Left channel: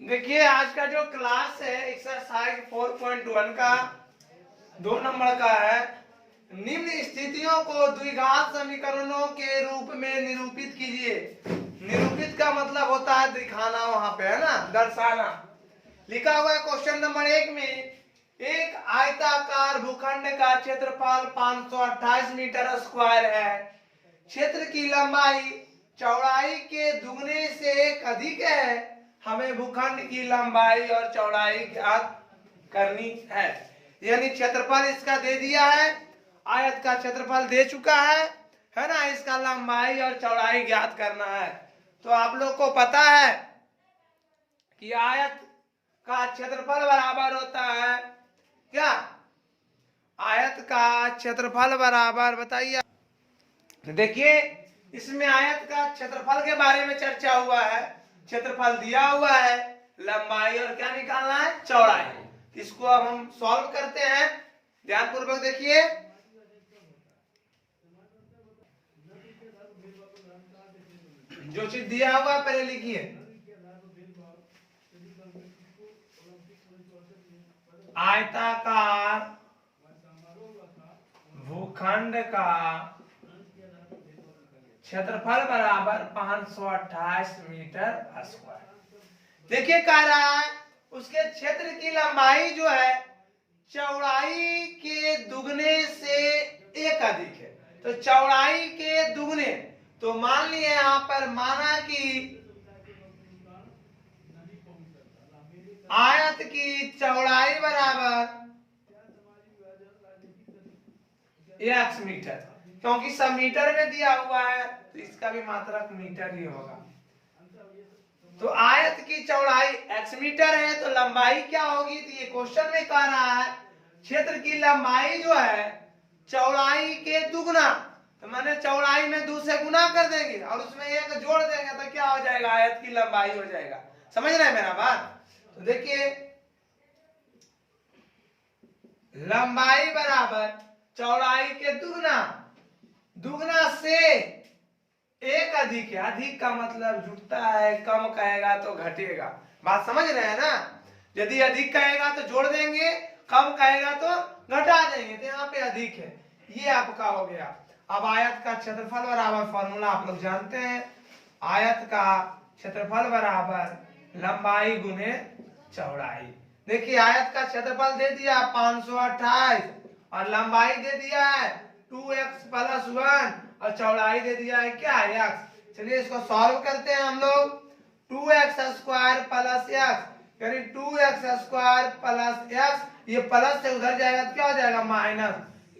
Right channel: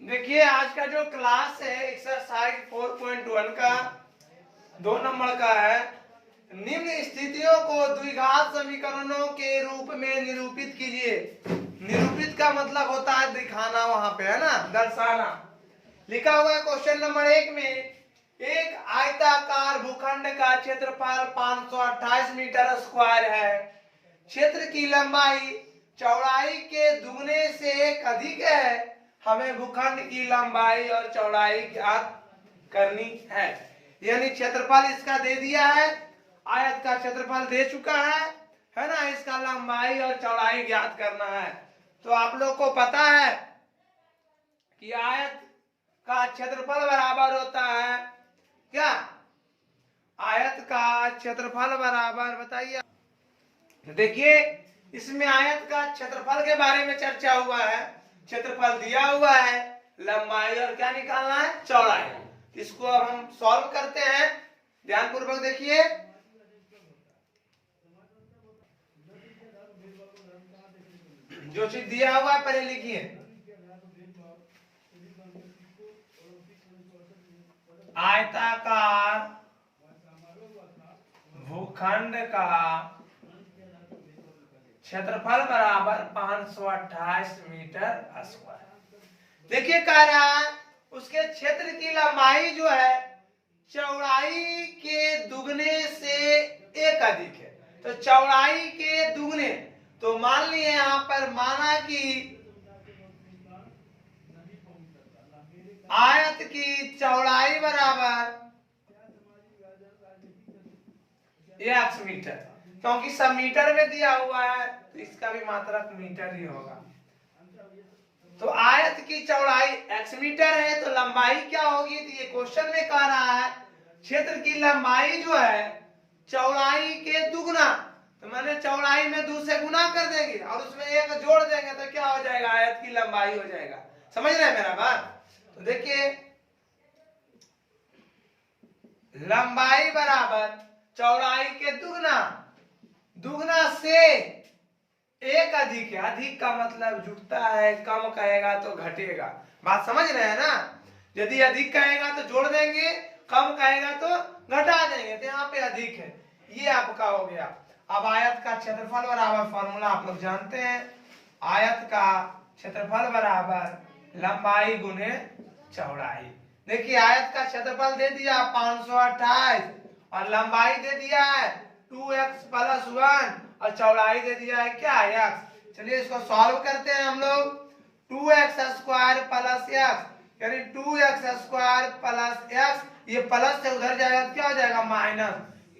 देखिए आज का जो क्लास है एक्सरसाइज 4.1 का 2 नंबर का है। निम्न स्थितियों को द्विघात समीकरणों के रूप में निरूपित कीजिए। निरूपित का मतलब होता है दिखाना, वहां पे है ना, दर्शाना। लिखा हुआ है क्वेश्चन नंबर 1 में, एक आयताकार भूखंड का क्षेत्रफल 528 मीटर स्क्वायर है। क्षेत्र की लंबाई चौड़ाई के दुगने से एक अधिक है। हमें भूखंड की लंबाई और चौड़ाई ज्ञात करनी है। यानी क्षेत्रफल इसका दे दिया है, आयत का क्षेत्रफल दे चुका है ना। इसका लंबाई और चौड़ाई ज्ञात करना है। तो आप लोग को पता है कि आयत का क्षेत्रफल बराबर होता है क्या? आयत का क्षेत्रफल बराबर, बताइए। देखिए इसमें आयत का क्षेत्रफल के बारे में चर्चा हुआ है। क्षेत्रफल दिया हुआ है, लंबाई और क्या निकालना है, चौड़ाई। इसको अब हम सॉल्व करते हैं, ध्यानपूर्वक देखिए। जो चीज दिया हुआ है पहले लिखिए। आयताकार भूखंड का क्षेत्रफल बराबर 528 मीटर स्क्वायर। देखिए कह रहा है उसके क्षेत्र की लंबाई जो है चौड़ाई के दुगने से एक अधिक है। तो चौड़ाई के दुगने, तो मान लिया यहां पर, माना कि आयत की चौड़ाई बराबर x मीटर, क्योंकि सब मीटर में दिया हुआ है तो इसका भी मात्रक मीटर ही होगा। तो आयत की चौड़ाई x मीटर है तो लंबाई क्या होगी? तो ये क्वेश्चन में कह रहा है क्षेत्र की लंबाई जो है चौड़ाई के दुगना, तो मैंने चौड़ाई में 2 से गुना कर देंगे और उसमें 1 जोड़ देंगे तो क्या हो जाएगा? आयत की लंबाई हो जाएगा। समझ रहे हैं मेरा बात? तो देखिए लंबाई बराबर चौड़ाई के दुगना, दुगना से एक अधिक है। अधिक का मतलब जुटता है, कम कहेगा तो घटेगा। बात समझ रहे हैं ना? यदि अधिक कहेगा तो जोड़ देंगे, कम कहेगा तो घटा देंगे। तो यहाँ पे अधिक है, ये आपका हो गया। अब आयत का क्षेत्रफल बराबर, फॉर्मूला आप लोग जानते हैं, आयत का क्षेत्रफल बराबर लंबाई गुने चौड़ाई। देखिए आयत का क्षेत्रफल दे दिया 528 और लंबाई दे दिया है 2x + 1 और चौड़ाई दे दिया है क्या? x। चलिए इसको सॉल्व करते हैं हम लोग। 2x² + x यानी 2x² + x, ये प्लस से उधर जाएगा तो क्या हो जाएगा? माइनस,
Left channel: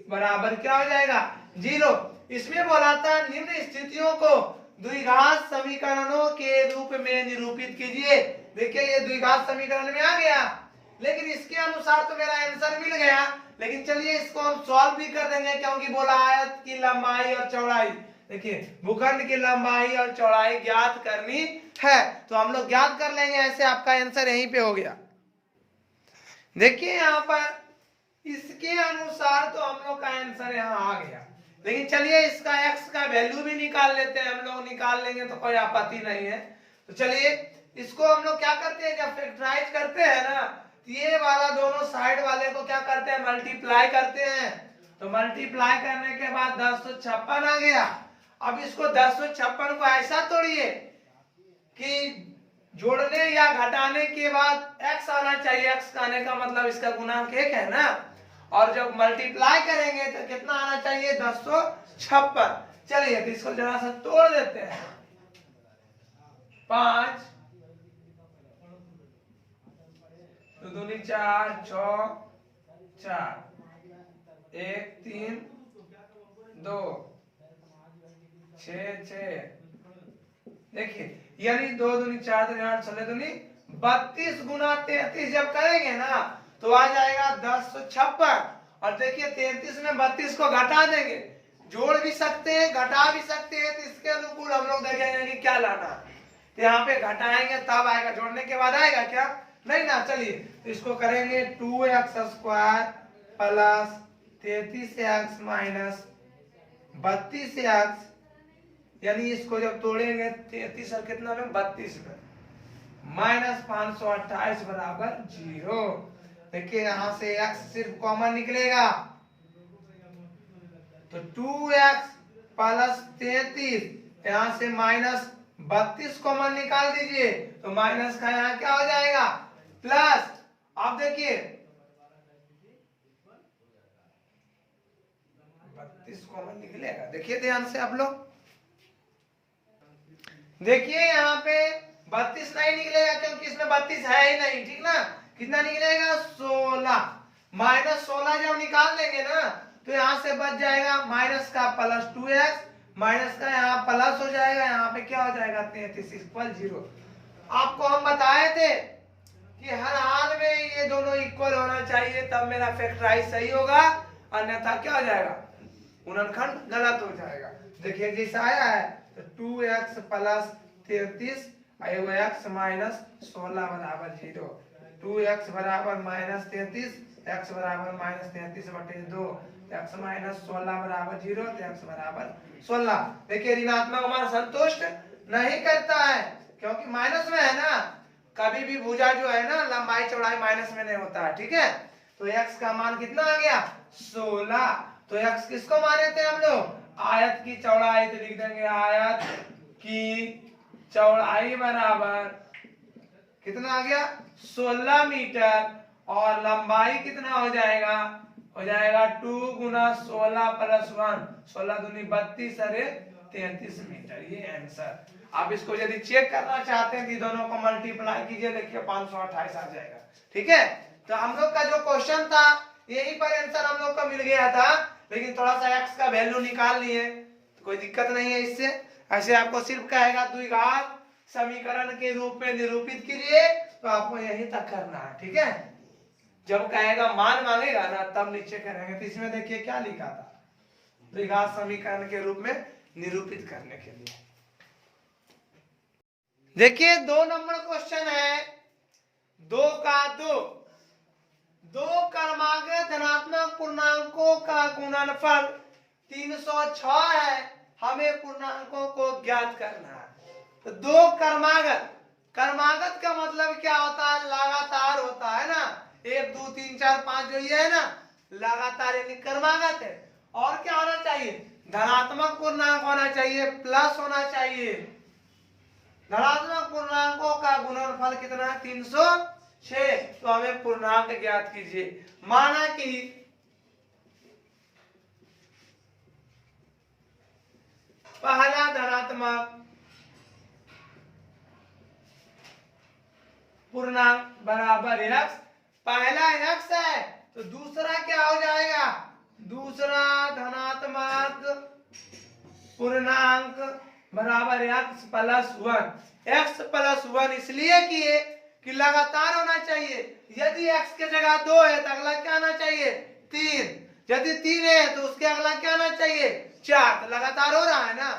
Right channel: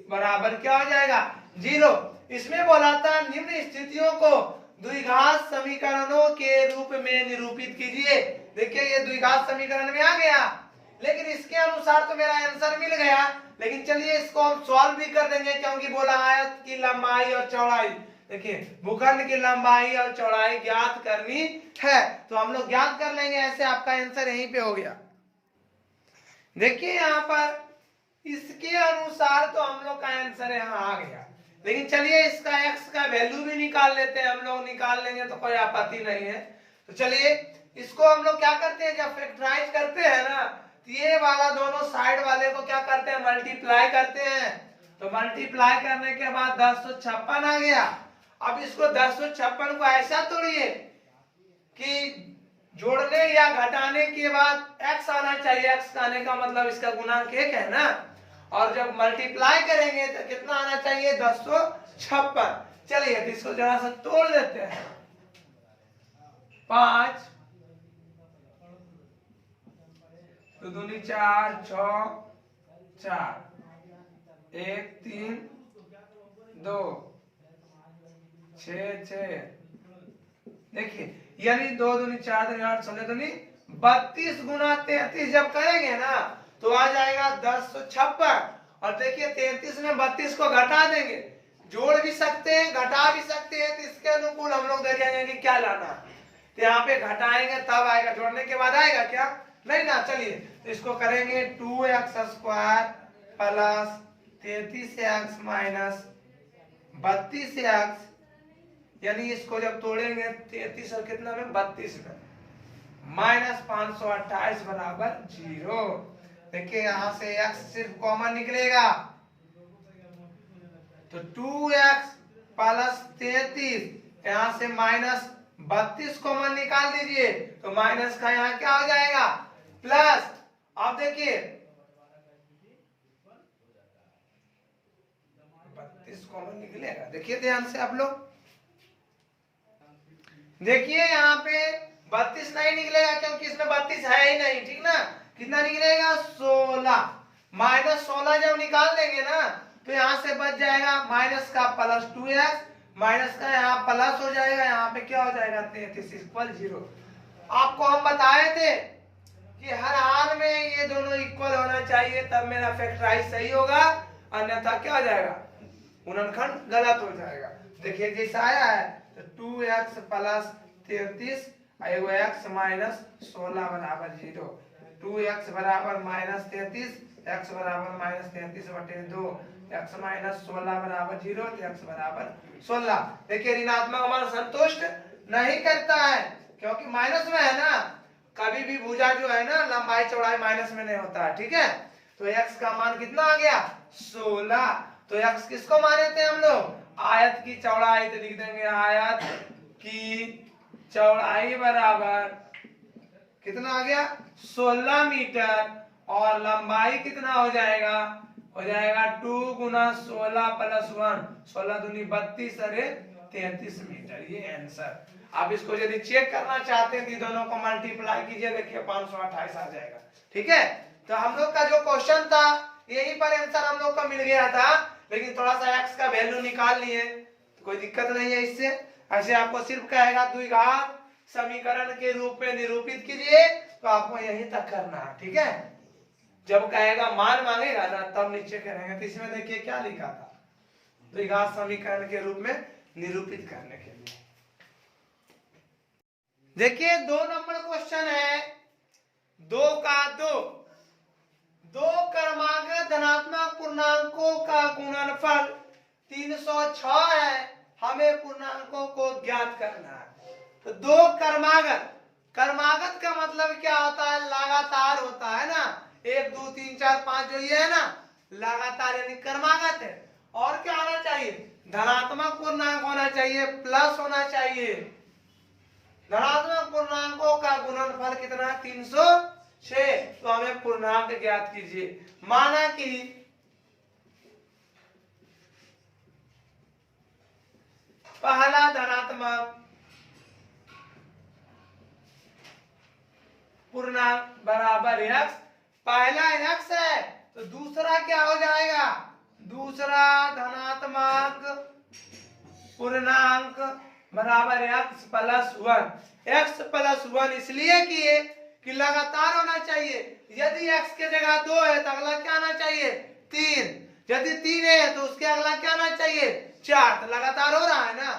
बराबर क्या हो जाएगा? 0। इसमें बोला था निम्न स्थितियों को द्विघात समीकरणों के रूप में निरूपित कीजिए। देखिए ये द्विघात समीकरण में आ गया, लेकिन इसके अनुसार तो मेरा आंसर मिल गया। लेकिन चलिए इसको हम सॉल्व भी कर देंगे, क्योंकि बोला आयत की लंबाई और चौड़ाई। देखिए भूखंड की लंबाई और चौड़ाई ज्ञात करनी है, तो हम लोग ज्ञात कर लेंगे। ऐसे आपका आंसर यहीं पे हो गया। देखिए यहाँ पर इसके अनुसार तो हम लोग का आंसर यहाँ आ गया। लेकिन चलिए इसका x का वैल्यू भी निकाल लेते हैं। हम लोग निकाल लेंगे तो कोई आपत्ति नहीं है। तो चलिए इसको हम लोग क्या करते हैं, जब फैक्टराइज करते हैं ना, ये वाला दोनों साइड वाले को क्या करते हैं? मल्टीप्लाई करते हैं। तो मल्टीप्लाई करने के बाद 1056 आ गया। अब इसको 1056 को ऐसा तोड़िए कि जोड़ने या घटाने के बाद x आना चाहिए। x का आने का मतलब इसका गुणांक 1 है ना, और जब मल्टीप्लाई करेंगे तो कितना आना चाहिए? 1056। चलिए तो इसको जरा सा तोड़ देते हैं। 5 तो 2 4 6 4 1 3 2 6 6। देखिए यानी 2 दूनी 4 दूनी 8 16 दूनी 32 गुना 33 जब करेंगे ना तो आ जाएगा 1056। और देखिए 33 में 32 को घटा देंगे, जोड़ भी सकते हैं घटा भी सकते हैं। तो इसके अनुकूल हम लोग देखेंगे कि क्या लाना है। तो यहाँ पे घटाएंगे तब आएगा, जोड़ने के बाद आएगा क्या? नहीं ना। चलिए तो इसको करेंगे 2x² + 33x - 32x, यानी इसको जब तोड़ेंगे 33 और कितना में 32 में माइनस 528 बराबर 0। देखिए यहाँ से x सिर्फ कॉमन निकलेगा तो 2x प्लस 33, यहाँ से माइनस 32 कॉमन निकाल दीजिए तो माइनस का यहाँ क्या हो जाएगा प्लस। अब देखिए 32 कॉमन निकलेगा, देखिए ध्यान से आप लोग देखिए यहाँ पे 32 नहीं निकलेगा क्योंकि इसमें 32 है ही नहीं, ठीक ना। कितना निकलेगा 16, माइनस 16 जब निकाल देंगे ना तो यहाँ से बच जाएगा माइनस का प्लस 2x, माइनस का यहाँ प्लस हो जाएगा, यहाँ पे क्या हो जाएगा 33 इक्वल 0। आपको हम बताए थे कि हर हाल में ये दोनों इक्वल होना चाहिए तब मेरा फैक्टराइज सही होगा, अन्यथा क्या हो जाएगा गुणनखंड गलत हो जाएगा। देखिए जैसा आया है तो 2x प्लस 33 एगो x माइनस 16 बराबर 0, 2x बराबर माइनस 33, x बराबर माइनस 33 बटे 2, x माइनस 16 बराबर 0 तो x बराबर 16। देखिए ऋणात्मक मान संतुष्ट नहीं करता है क्योंकि माइनस में है ना, कभी भी भुजा जो है ना लंबाई चौड़ाई माइनस में नहीं होता है, ठीक है। तो x का मान कितना आ गया 16। तो x किसको माने थे हम लोग आयत की चौड़ाई, तो लिख देंगे आयत की चौड़ाई बराबर कितना आ गया 16 मीटर और लंबाई कितना हो जाएगा 2 गुना 16 प्लस 1, 16 दूनी 32 अरे 33 मीटर, ये आंसर। आप इसको यदि चेक करना चाहते हैं कि दोनों को मल्टीप्लाई कीजिए, देखिए 528 आ जाएगा, ठीक है। तो हम लोग का जो क्वेश्चन था यही पर आंसर हम लोग को मिल गया था, लेकिन थोड़ा सा x का वैल्यू निकाल लिए तो कोई दिक्कत नहीं है इससे। ऐसे आपको सिर्फ कहेगा द्विघात समीकरण के रूप में निरूपित कीजिए तो आपको यहीं तक करना है, ठीक है। जब कहेगा मान मांगेगा ना तब नीचे करेंगे। तो इसमें देखिए क्या लिखा था द्विघात समीकरण के रूप में निरूपित करने के लिए। देखिए 2 नंबर क्वेश्चन है 2 का 2 क्रमागत धनात्मक पूर्णांकों का गुणनफल 306 है, हमें पूर्णांकों को ज्ञात करना है। तो 2 क्रमागत का मतलब क्या होता है लगातार होता है ना, 1 2 3 4 5 जो ये है ना लगातार यानी क्रमागत है। और क्या होना चाहिए धनात्मक पूर्णांक होना चाहिए, प्लस होना चाहिए। धनात्मक पूर्णांकों का गुणनफल कितना है 306, तो हमें पूर्णांक ज्ञात कीजिए। माना कि पहला धनात्मक पूर्णांक बराबर x, पहला x है तो दूसरा क्या हो जाएगा दूसरा धनात्मक पूर्णांक बराबर x प्लस 1। x प्लस 1 इसलिए किए कि लगातार होना चाहिए, यदि x के जगह 2 है तो अगला क्या आना चाहिए 3, यदि 3 है तो उसके अगला क्या आना चाहिए 4, तो लगातार हो रहा है ना।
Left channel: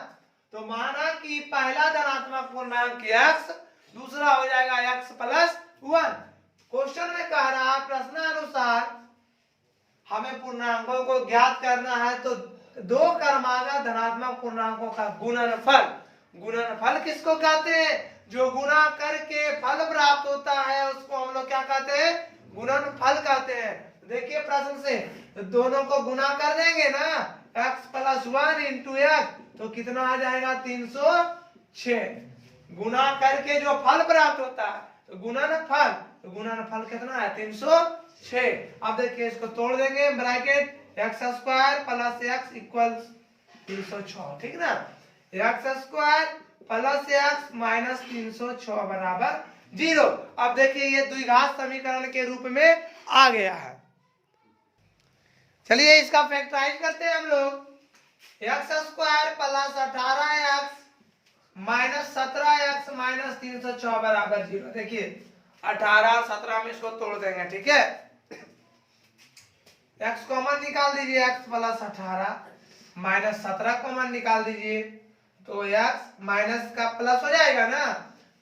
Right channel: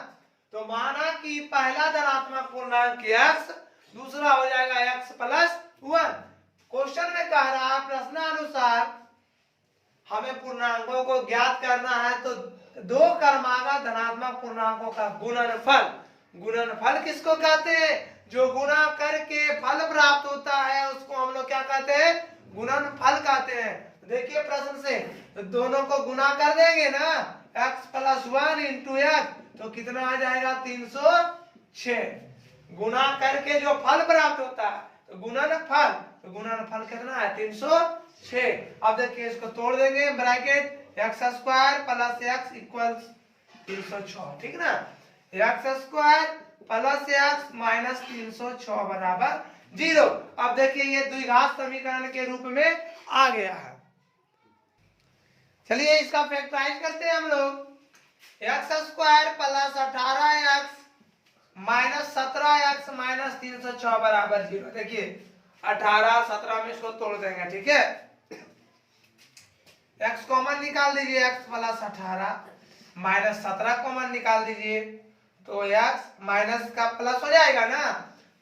तो माना कि पहला धनात्मक पूर्णांक x, दूसरा हो जाएगा x प्लस 1। क्वेश्चन में कह रहा है प्रश्नानुसार हमें पूर्णांकों को ज्ञात करना है, तो 2 क्रमागत धनात्मक पूर्णांकों का गुणनफल किसको कहते हैं जो गुणा करके फल प्राप्त होता है उसको हम लोग क्या कहते हैं गुणनफल कहते हैं। देखिए प्रश्न से तो दोनों को गुणा कर देंगे ना x प्लस 1 इंटू x तो कितना आ जाएगा 306, गुणा करके जो फल प्राप्त होता है तो गुणनफल कितना है 306। अब देखिए इसको तोड़ देंगे bracket x square plus x equal 306, ठीक ना। x square plus x minus 306 बराबर 0। अब देखिए ये द्विघात समीकरण के रूप में आ गया है। चलिए इसका फैक्टराइज करते हैं हम लोग। x square plus 18x minus 17x minus 306 बराबर 0। देखिए 18 17 में इसको तोड़ देंगे, ठीक है। x कॉमन निकाल दीजिए, x प्लस 18 माइनस 17 कॉमन निकाल दीजिए तो x माइनस का प्लस हो जाएगा ना,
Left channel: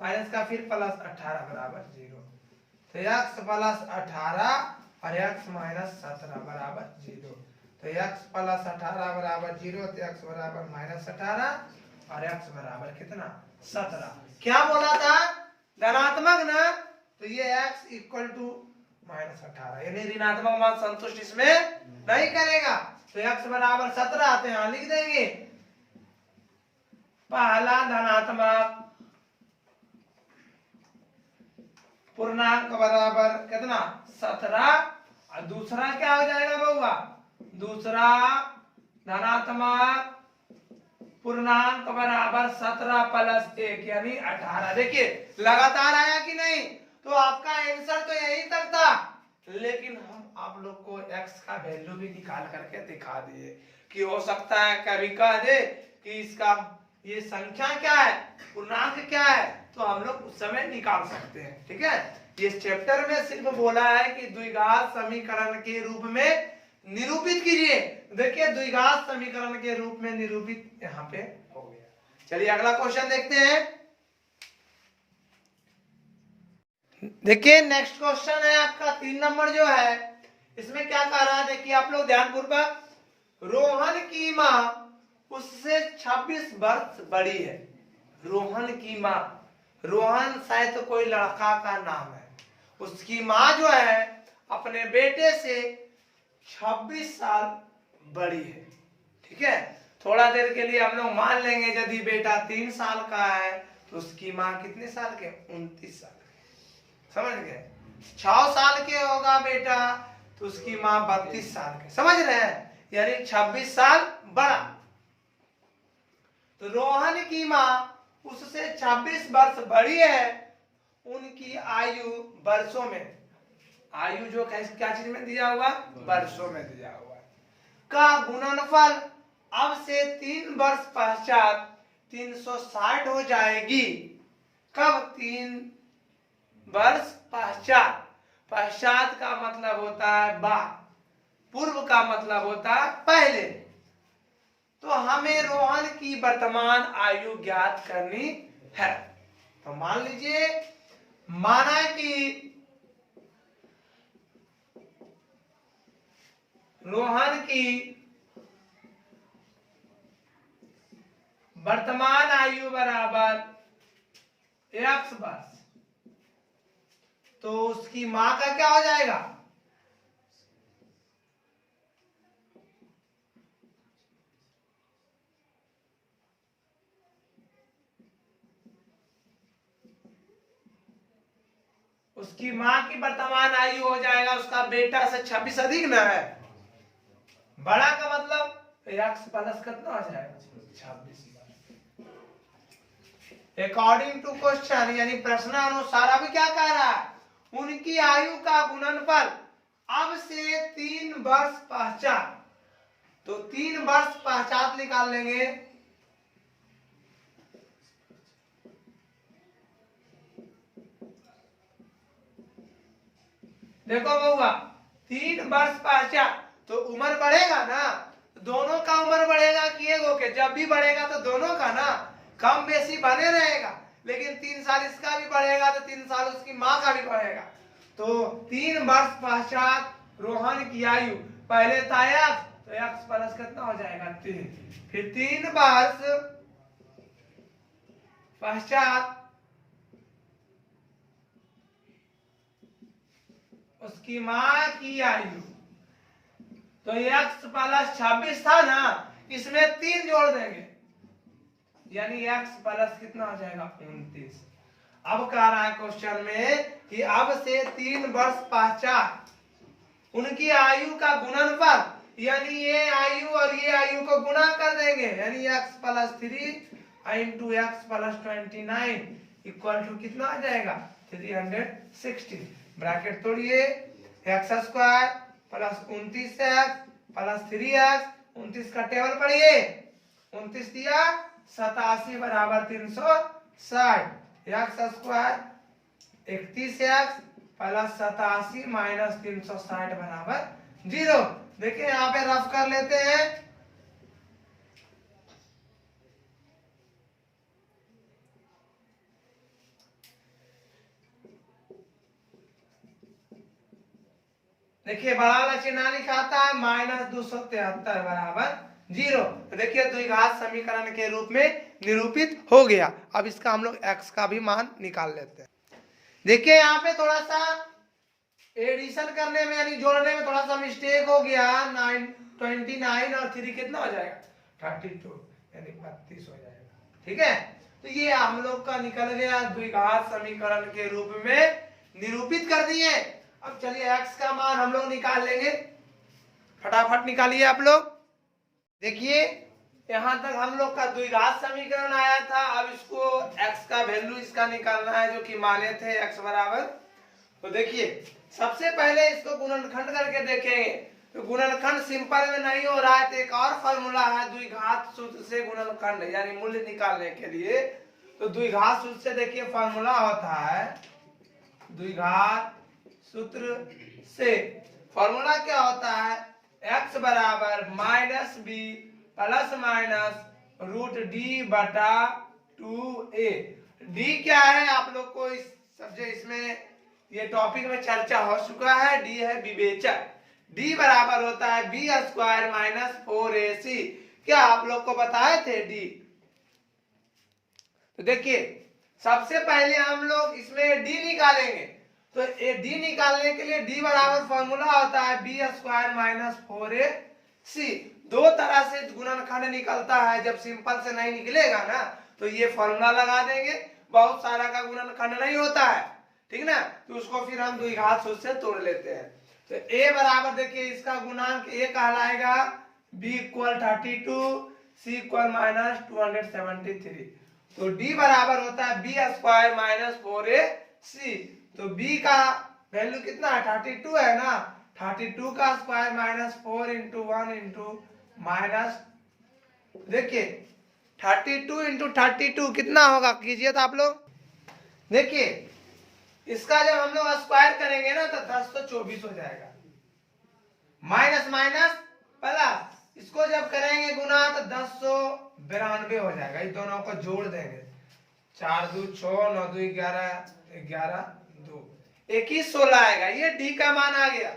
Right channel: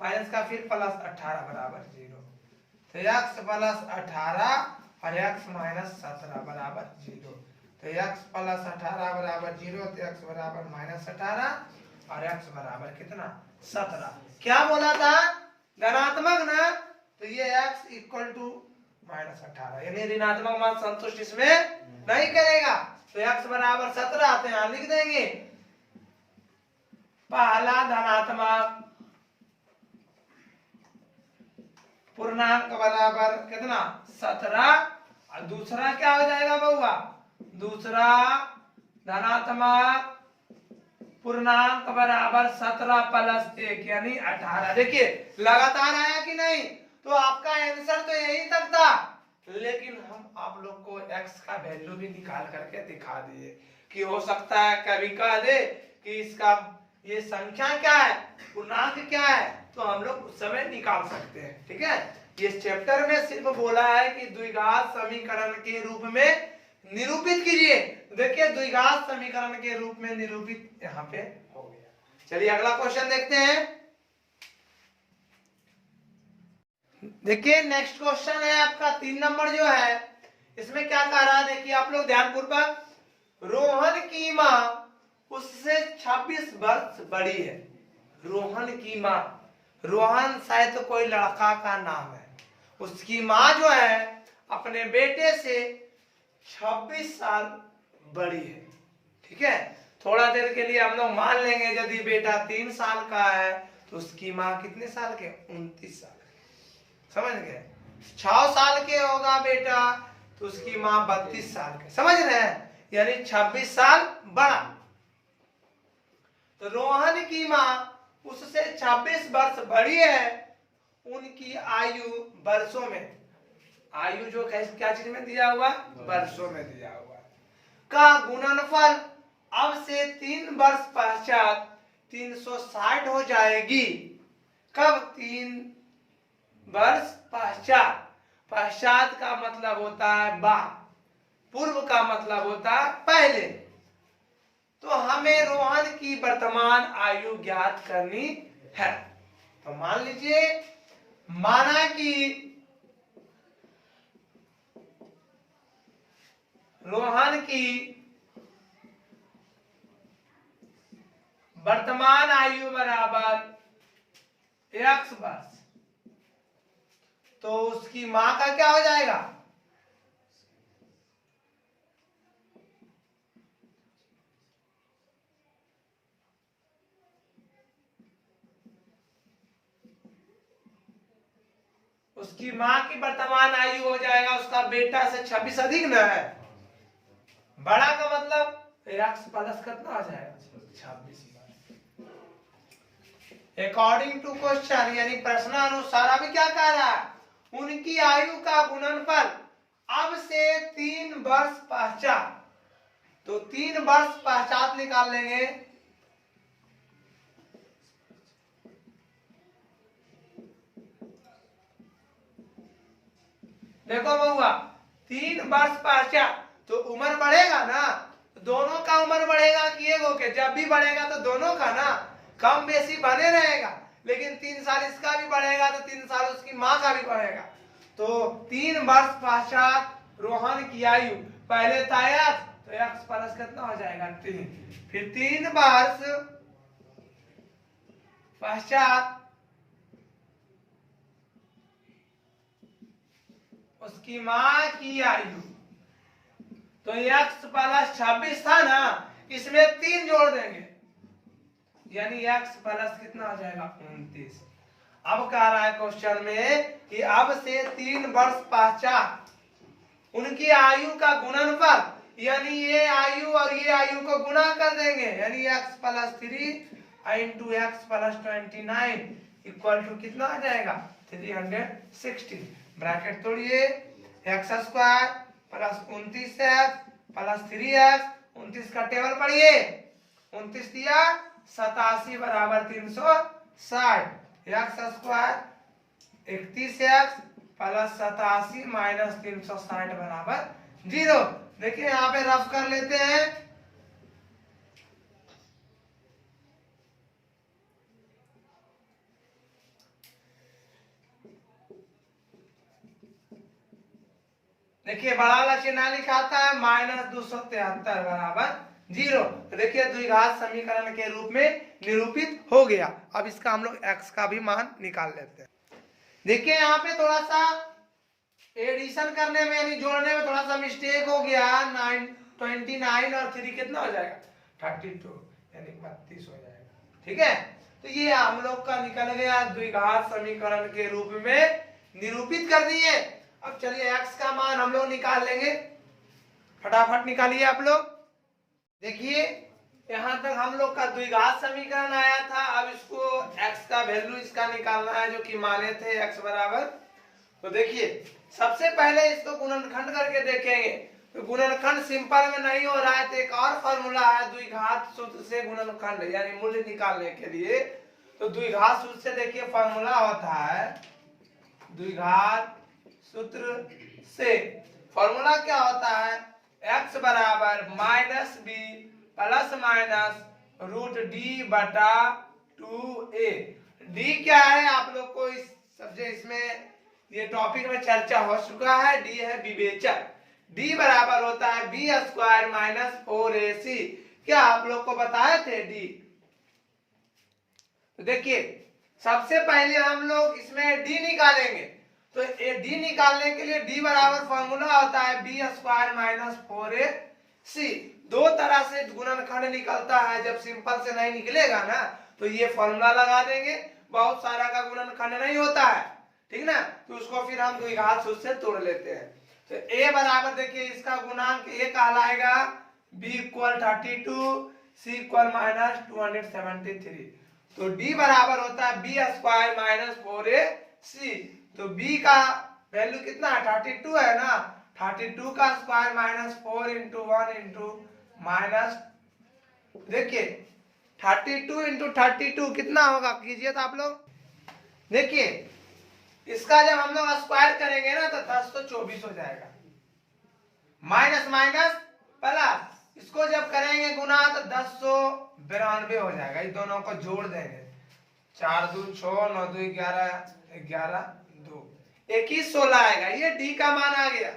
माइनस का फिर प्लस 18 बराबर 0। तो x प्लस 18 और x माइनस 17 बराबर 0। तो x प्लस 18 बराबर 0 तो x बराबर माइनस 18 और x बराबर कितना 17। क्या बोला था धनात्मक ना, तो ये x इक्वल टू -18, यानी ऋणात्मक मान संतुष्ट इसमें नहीं करेगा। तो x बराबर 17 तो यहाँ लिख देंगे पहला धनात्मक पूर्णांक बराबर कितना 17, और दूसरा क्या हो जाएगा बउआ, दूसरा धनात्मक पूर्णांक बराबर 17 प्लस 1 यानी 18। देखिए लगातार आया कि नहीं, तो आपका आंसर तो यही तक था, लेकिन हम आप लोग को x का वैल्यू भी निकाल करके दिखा दिए कि हो सकता है कभी कह दे कि इसका ये संख्या क्या है, पूर्णांक क्या है, तो हम लोग उस समय निकाल सकते हैं। ठीक है, इस चैप्टर में सिर्फ बोला है कि द्विघात समीकरण के रूप में निरूपित कीजिए। देखिए द्विघात समीकरण के रूप में निरूपित यहाँ पे हो गया। चलिए अगला क्वेश्चन देखते हैं। देखिए नेक्स्ट क्वेश्चन है आपका 3 नंबर जो है, इसमें क्या कह रहा है देखिए आप लोग ध्यानपूर्वक। रोहन की माँ उससे 26 वर्ष बड़ी है। रोहन की माँ, रोहन शायद तो कोई लड़का का नाम है, उसकी माँ जो है अपने बेटे से 26 साल बड़ी है। ठीक है, थोड़ा देर के लिए हम लोग मान लेंगे यदि बेटा 3 साल का है तो उसकी माँ कितने साल के, 29 साल के। समझ गए, 6 साल के होगा बेटा तो उसकी माँ 32 साल के। समझ रहे हैं, यानी 26 साल बड़ा। तो रोहन की माँ उससे 26 वर्ष बड़ी है। उनकी आयु वर्षों में, आयु जो क्या चीज में दिया हुआ, वर्षों में दिया हुआ का गुणनफल अब से 3 वर्ष पश्चात 360 हो जाएगी। कब, 3 वर्ष पश्चात। पश्चात का मतलब होता है बाद, पूर्व का मतलब होता है पहले। तो हमें रोहन की वर्तमान आयु ज्ञात करनी है। तो मान लीजिए, माना कि रोहन की वर्तमान आयु बराबर x वर्ष, तो उसकी मां का क्या हो जाएगा, उसकी मां की वर्तमान आयु हो जाएगा उसका बेटा से 26 अधिक न है। बड़ा का मतलब x प्लस कितना आ जाएगा, 26। अकॉर्डिंग टू क्वेश्चन, यानी प्रश्न अनुसार अभी क्या कह रहा है, उनकी आयु का गुणनफल अब से 3 वर्ष पश्चात। तो 3 वर्ष पश्चात निकाल लेंगे। देखो बउआ, 3 वर्ष पश्चात तो उम्र बढ़ेगा ना, दोनों का उम्र बढ़ेगा कि एगो के, जब भी बढ़ेगा तो दोनों का ना, कम बेसी बने रहेगा, लेकिन 3 साल इसका भी बढ़ेगा तो 3 साल उसकी माँ का भी बढ़ेगा। तो 3 वर्ष पश्चात रोहन की आयु, पहले था x, तो x प्लस कितना हो जाएगा 3, फिर 3 वर्ष पश्चात उसकी माँ की आयु, तो x प्लस 26 था ना, इसमें 3 जोड़ देंगे, यानी x प्लस कितना हो जाएगा 29। अब कह रहा है क्वेश्चन में कि अब से 3 वर्ष पश्चात उनकी आयु का गुणनफल, यानी ये आयु और ये आयु को गुणा कर देंगे, यानी x plus 3 into x plus 29 equal to कितना आ जाएगा 360। ब्रैकेट तोड़िए, x square plus 29x plus 3x, 29 का टेबल पढ़िए, 29 दिया 87 बराबर 360, x square 31x plus 87 minus 360 बराबर 0। देखिए यहाँ पे रफ कर लेते हैं। देखिए बड़ा वाला चिन्ह लिखा था माइनस 273 बराबर 0। देखिए द्विघात समीकरण के रूप में निरूपित हो गया। अब इसका हम लोग x का भी मान निकाल लेते हैं। देखिए यहाँ पे थोड़ा सा एडिशन करने में यानी जोड़ने में थोड़ा सा मिस्टेक हो गया। 29 और 3 कितना हो जाएगा 32 यानी 32 हो जाएगा। ठीक है, तो ये हम लोग का निकल गया द्विघात समीकरण के रूप में निरूपित कर दिए। अब चलिए x का मान हम लोग निकाल लेंगे, फटाफट निकालिए आप लोग। देखिए यहाँ तक हम लोग का द्विघात समीकरण आया था। अब इसको x का वैल्यू इसका निकालना है जो कि माने थे x बराबर। तो देखिए सबसे पहले इसको गुणनखंड करके देखेंगे। तो गुणनखंड सिंपल में नहीं हो रहा है, तो एक और फॉर्मूला है द्विघात सूत्र से गुणनखंड यानी मूल्य निकालने के लिए। तो द्विघात सूत्र से देखिए फॉर्मूला होता है, द्विघात सूत्र से फॉर्मूला क्या होता है, x बराबर minus b plus minus root d बटा 2a। डी क्या है आप लोग को इस सब्जेक्ट इसमें ये टॉपिक में चर्चा हो चुका है, डी है विवेचक। डी बराबर होता है बी स्क्वायर माइनस 4ac। क्या आप लोग को बताए थे डी? तो देखिए सबसे पहले हम लोग इसमें डी निकालेंगे। तो ये डी निकालने के लिए डी बराबर फॉर्मूला होता है बी स्क्वायर माइनस 4ac। दो तरह से गुणनखंड निकलता है, जब सिंपल से नहीं निकलेगा ना तो ये फॉर्मूला लगा देंगे। बहुत सारा का गुणनखंड नहीं होता है, ठीक ना, तो उसको फिर हम द्विघात सूत्र से तोड़ लेते हैं। तो a बराबर देखिए इसका गुणांक a कहलाएगा b equal 32, c equal minus 273। तो d बराबर होता है b स्क्वायर माइनस 4ac। तो b का वैल्यू कितना है 32 है ना, 32 का square minus 4 into 1 into minus, देखिए 32 इंटू 32 कितना होगा कीजिए तो आप लोग। देखिए इसका जब हम लोग स्क्वायर करेंगे ना तो 1024 हो जाएगा, माइनस माइनस प्लस इसको जब करेंगे गुना तो 1092 हो जाएगा। इस दोनों को जोड़ देंगे, 4 2 6 9 2 11 11 2 21 16 आएगा। ये डी का मान आ गया।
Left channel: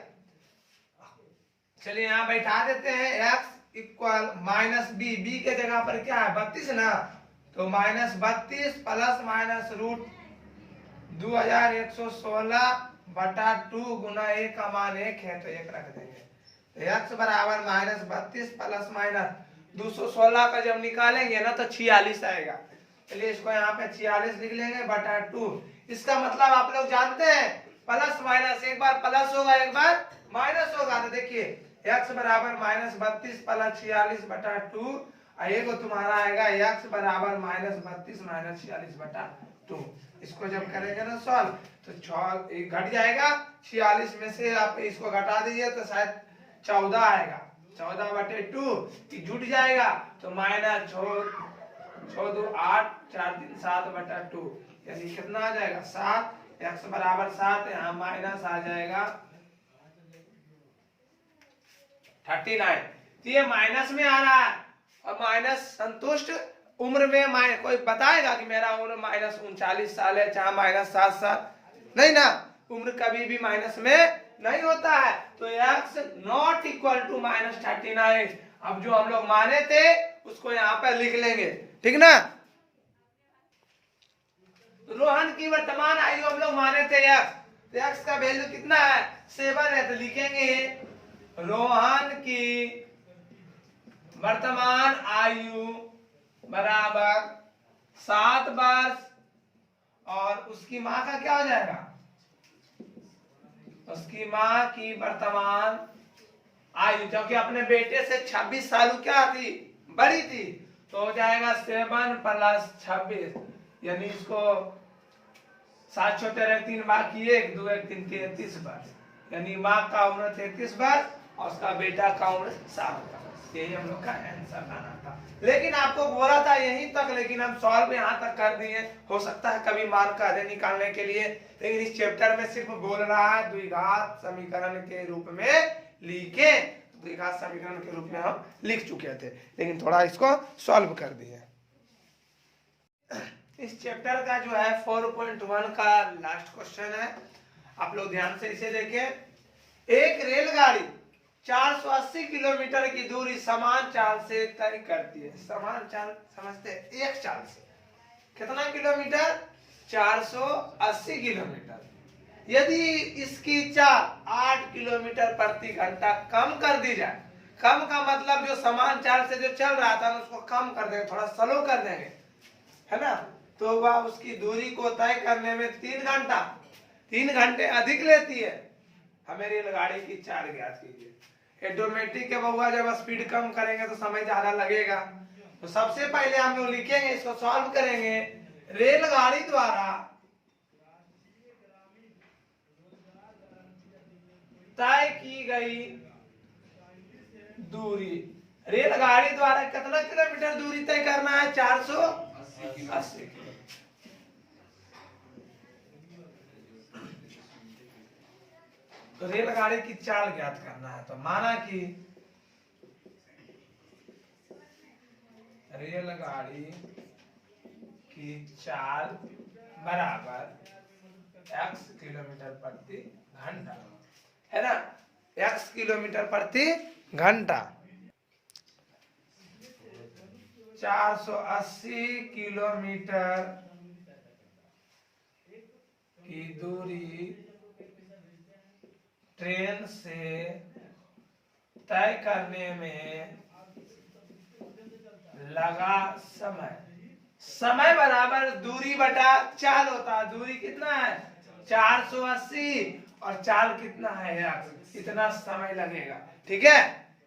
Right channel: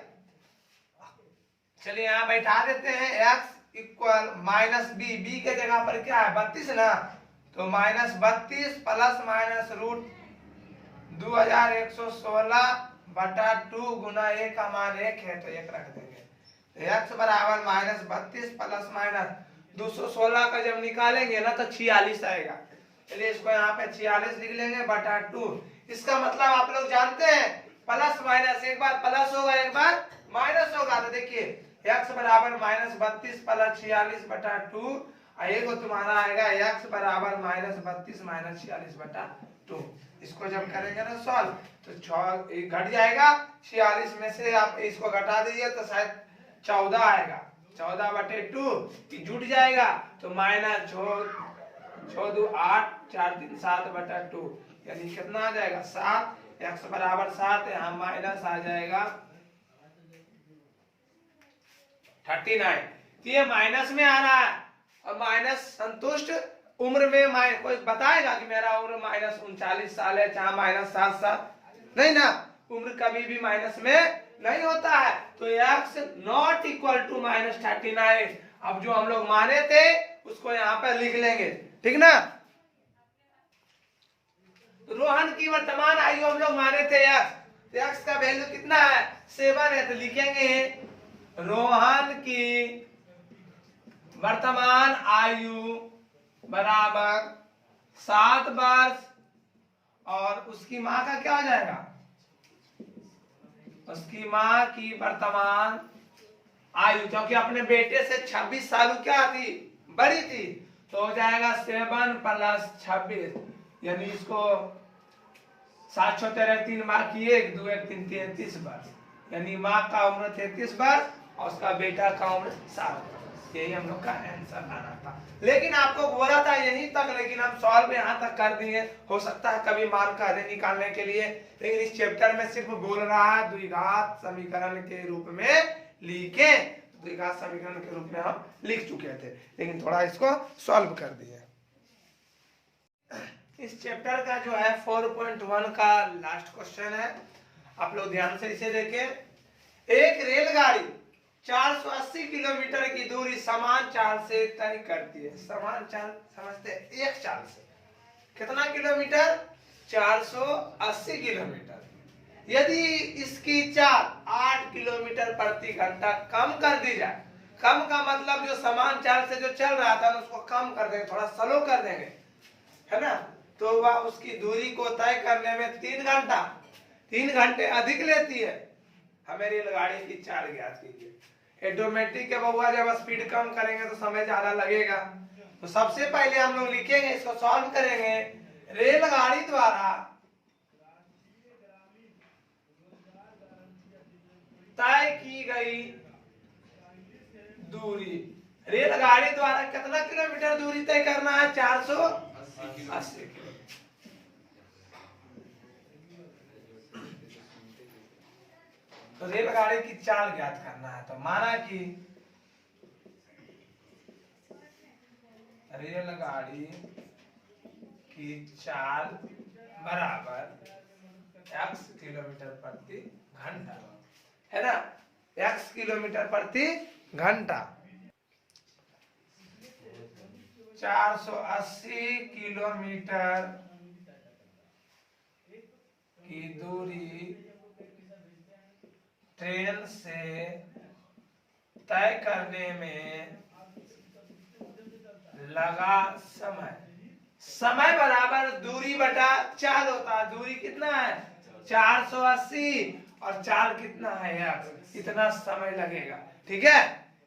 चलिए यहाँ बैठा देते हैं x equal minus b, b के जगह पर क्या है 32 ना, तो माइनस 32 प्लस माइनस रूट 2116 बटा 2 गुना a का मान 1 है तो 1 रख देंगे। x बराबर माइनस 32 प्लस माइनस 216 का जब निकालेंगे ना तो 46 आएगा। चलिए इसको यहाँ पे 46 लिख लेंगे बटा 2। इसका मतलब आप लोग जानते हैं प्लस माइनस एक बार प्लस होगा एक बार माइनस होगा। तो देखिए x बराबर माइनस 32 प्लस 46 बटा 2, ये को तुम्हारा आएगा x बराबर माइनस 32 माइनस 46 बटा 2। इसको जब करेंगे ना सॉल्व तो 6 घट जाएगा, 46 में से आप इसको घटा दीजिए तो शायद 14 आएगा, 14 बटे 2 जुट जाएगा तो माइनस 6 2 8 4 3 7 बटा 2 यानी कितना आ जाएगा 7। x बराबर 7, यहाँ माइनस आ जाएगा 39। तो ये माइनस में आ रहा है और माइनस संतुष्ट उम्र में कोई बताएगा कि मेरा उम्र माइनस 39 साल है चाहे माइनस 7 साल, नहीं ना, उम्र कभी भी माइनस में नहीं होता है। तो x not equal to minus 39। अब जो हम लोग माने थे उसको यहाँ पर लिख लेंगे, ठीक ना। रोहन की वर्तमान आयु हम लोग माने थे x, तो x का वैल्यू कितना है 7 है, तो लिखेंगे रोहन की वर्तमान आयु बराबर 7 वर्ष और उसकी माँ का क्या हो जाएगा, उसकी माँ की वर्तमान आयु क्योंकि अपने बेटे से 26 साल क्या थी बड़ी थी, तो हो जाएगा 7 प्लस 26 यानी इसको 7 6 13 3 बार किए 1 2 1 3 33 वर्ष यानी माँ का उम्र 33 वर्ष और उसका बेटा का उम्र 7 वर्ष। यही हम लोग का आंसर आना था, लेकिन आपको बोला था यहीं तक, लेकिन हम सॉल्व यहाँ तक कर दिए। हो सकता है कभी मान का अधिक निकालने के लिए, लेकिन इस चैप्टर में सिर्फ बोल रहा है द्विघात समीकरण के रूप में लिखे। द्विघात समीकरण के रूप में हम लिख चुके थे, लेकिन थोड़ा इसको सॉल्व कर दिया। इस चैप्टर का जो है 4.1 का लास्ट क्वेश्चन है, आप लोग ध्यान से इसे देखें। एक रेलगाड़ी 480 किलोमीटर की दूरी समान चाल से तय करती है। समान चाल समझते हैं, एक चाल से कितना किलोमीटर 480 किलोमीटर। यदि इसकी चाल 8 किलोमीटर प्रति घंटा कम कर दी जाए, कम का मतलब जो समान चाल से जो चल रहा था उसको कम कर देंगे, थोड़ा स्लो कर देंगे, है ना, तो वह उसकी दूरी को तय करने में 3 घंटे अधिक लेती है। हमें रेलगाड़ी की चाल ज्ञात कीजिए। ऑटोमेटिक के बउआ जब स्पीड कम करेंगे तो समय ज्यादा लगेगा। तो सबसे पहले हम लोग लिखेंगे, इसको सॉल्व करेंगे। रेलगाड़ी द्वारा तय की गई दूरी, रेलगाड़ी द्वारा कितना किलोमीटर दूरी तय करना है? 480 किलोमीटर। तो रेलगाड़ी की चाल ज्ञात करना है। तो माना कि रेलगाड़ी की चाल बराबर x किलोमीटर प्रति घंटा, है ना, x किलोमीटर प्रति घंटा। 480 किलोमीटर की दूरी ट्रेन से तय करने में लगा समय, समय बराबर दूरी बटा चाल होता है। दूरी कितना है? 480 और चाल कितना है यार? इतना समय लगेगा। ठीक है,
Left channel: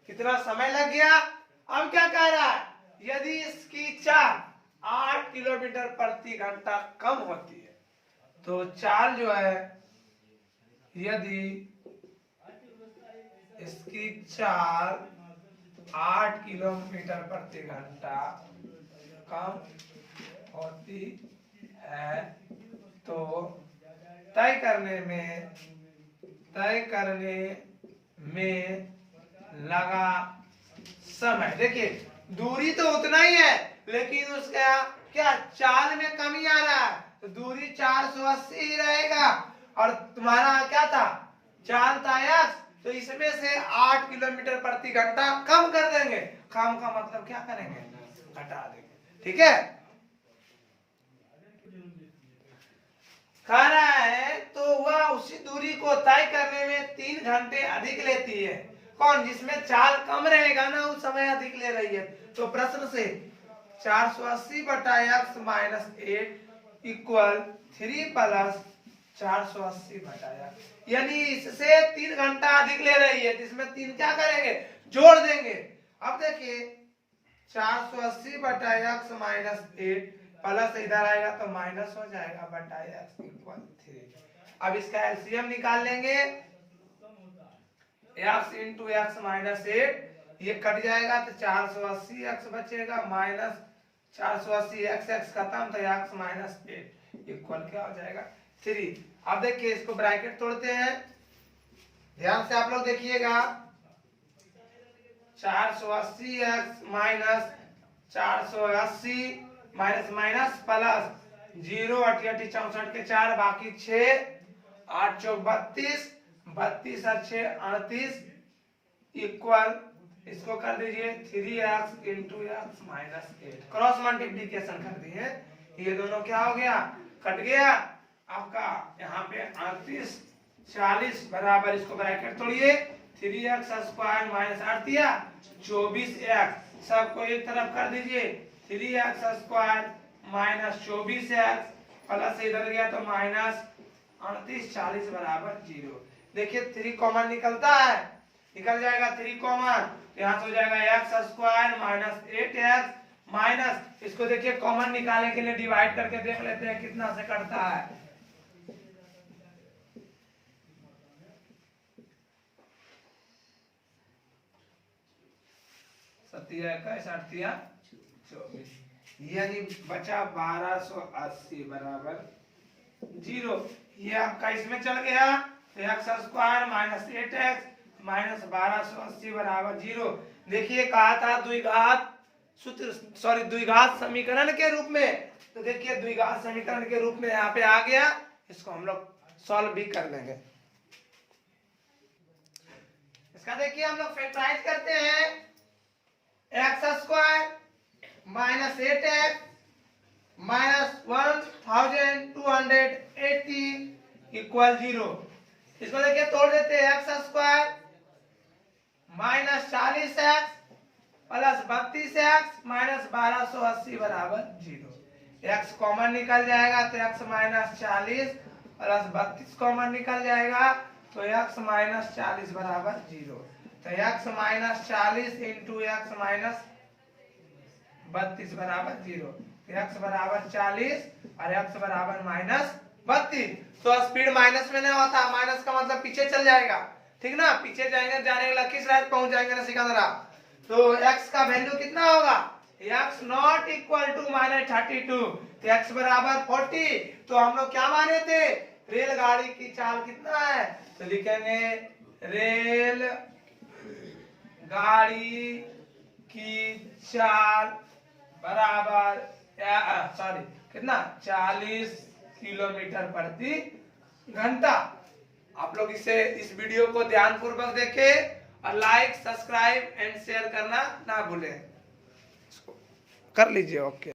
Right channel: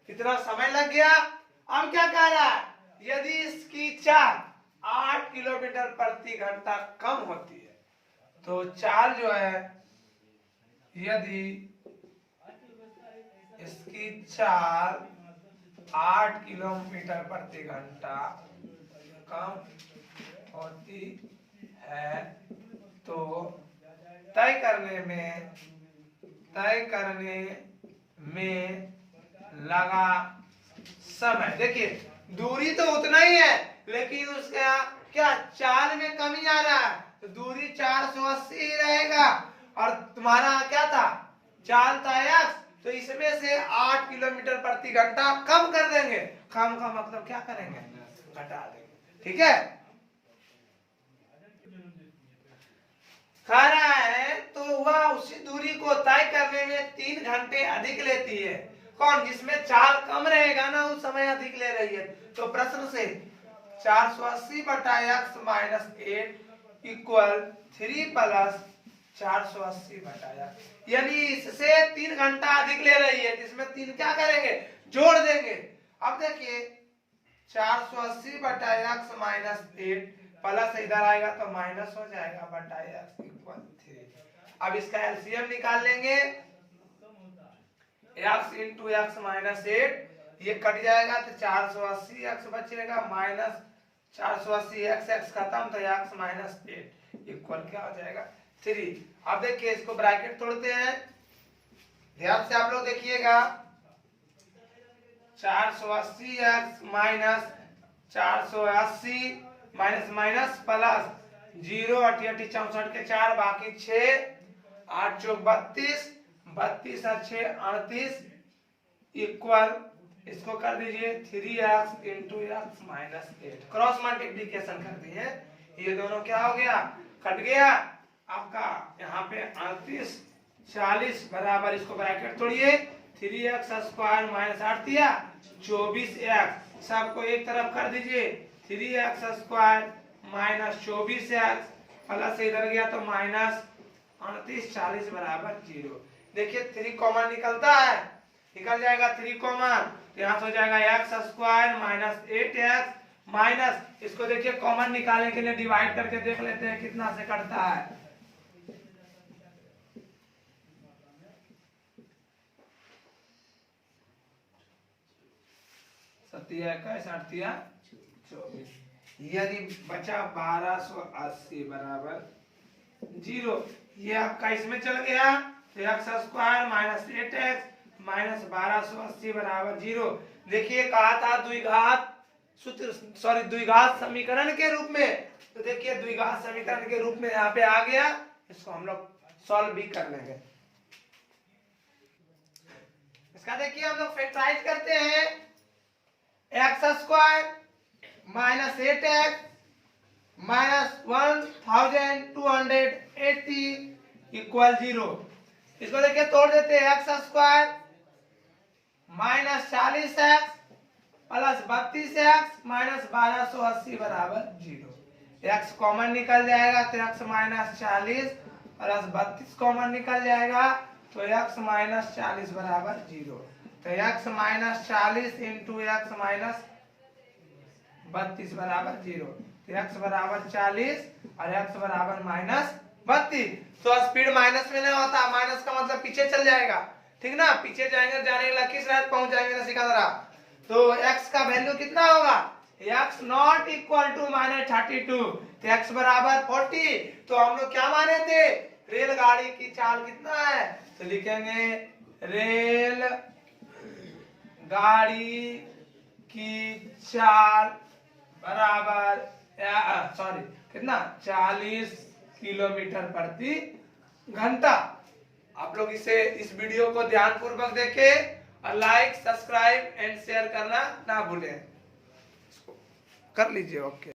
कितना समय लग गया। अब क्या कह रहा है? यदि इसकी चाल 8 किलोमीटर प्रति घंटा कम होती है तो चाल जो है, यदि इसकी चाल 8 किलोमीटर प्रति घंटा कम होती है तो तय करने में लगा समय। देखिए दूरी तो उतना ही है, लेकिन उसका क्या चाल में कमी आ रहा है, तो दूरी 480 ही रहेगा। और तुम्हारा क्या था? चाल था x, तो इसमें से 8 किलोमीटर प्रति घंटा कम कर देंगे। कम का मतलब क्या करेंगे? घटा देंगे। ठीक है, कह रहा है तो वह उसी दूरी को तय करने में 3 घंटे अधिक लेती है। कौन? जिसमें चाल कम रहेगा ना, उस समय अधिक ले रही है। तो प्रश्न से 480 बटा x माइनस 8 इक्वल 3 प्लस 480 बटा x, यानी इससे 3 घंटा अधिक ले रही है, जिसमें 3 क्या करेंगे? जोड़ देंगे। अब देखिए 480 बटा x माइनस 8 प्लस इधर आएगा तो माइनस हो जाएगा बटा x इक्वल 3। अब इसका एलसीएम निकाल लेंगे। x इंटू एक्स माइनस 8 ये कट जाएगा तो 480 x बचेगा माइनस 480 x खत्म तो x माइनस 8 इक्वल क्या हो जाएगा? 3। अब देखिए इसको ब्रैकेट तोड़ते हैं, ध्यान से आप लोग देखिएगा। 480 x minus 480 minus minus plus 0 8 8 64 के 4 बाकी 6 8 चौक 32 32 और 6 38 इक्वल इसको कर दीजिए 3x into x minus 8। Cross multiplication कर दिए, ये दोनों क्या हो गया? कट गया। आपका यहाँ पे 38 40 बराबर, इसको ब्रैकेट तोड़िए, 3x स्क्वायर माइनस 8 दिया 24x, सबको एक तरफ कर दीजिए, 3x square minus 24x plus इधर गया तो माइनस 38 40 बराबर 0। देखिए 3 कॉमन निकलता है, निकल जाएगा 3 कॉमन, यहाँ से हो जाएगा x square minus 8x minus, इसको देखिए कॉमन निकालने के लिए डिवाइड करके देख लेते हैं कितना से कटता है। सत्या 24, यानी बचा 1280 बराबर 0। ये आपका इसमें चल गया तो x square minus 8x minus 1280 बराबर 0। देखिए कहा था द्विघात सूत्र, सॉरी द्विघात समीकरण के रूप में, तो देखिए द्विघात समीकरण के रूप में यहाँ पे आ गया। इसको हम लोग सॉल्व भी कर लेंगे। इसका देखिए हम लोग फैक्टराइज करते हैं, x square minus 8x minus 1280 280 equal 0। इसको देखिए तोड़ देते हैं, x square minus 40x plus 32x minus 1280 बराबर 0। एक्स कॉमन निकल जाएगा तो एक्स माइनस 40 प्लस 32 कॉमन निकल जाएगा तो एक्स माइनस 40 बराबर 0। तो x minus 40 into x minus 32 बराबर 0। एक्स बराबर 40 और एक्स बराबर माइनस 32। तो स्पीड माइनस में नहीं होता, माइनस का मतलब पीछे चल जाएगा, ठीक ना, पीछे जाएंगे, जाने के लखीसराय पहुंच जाएंगे ना सिकंदरा। तो x का वैल्यू कितना होगा, x not equal to minus 32, तो x बराबर 40। तो हम लोग क्या माने थे, रेलगाड़ी की चाल कितना है, तो लिखेंगे रेल गाड़ी की चाल बराबर सॉरी कितना 40 किलोमीटर प्रति घंटा। आप लोग इस वीडियो को ध्यान पूर्वक देखें और लाइक सब्सक्राइब एंड शेयर करना ना भूलें। कर लीजिए, ओके।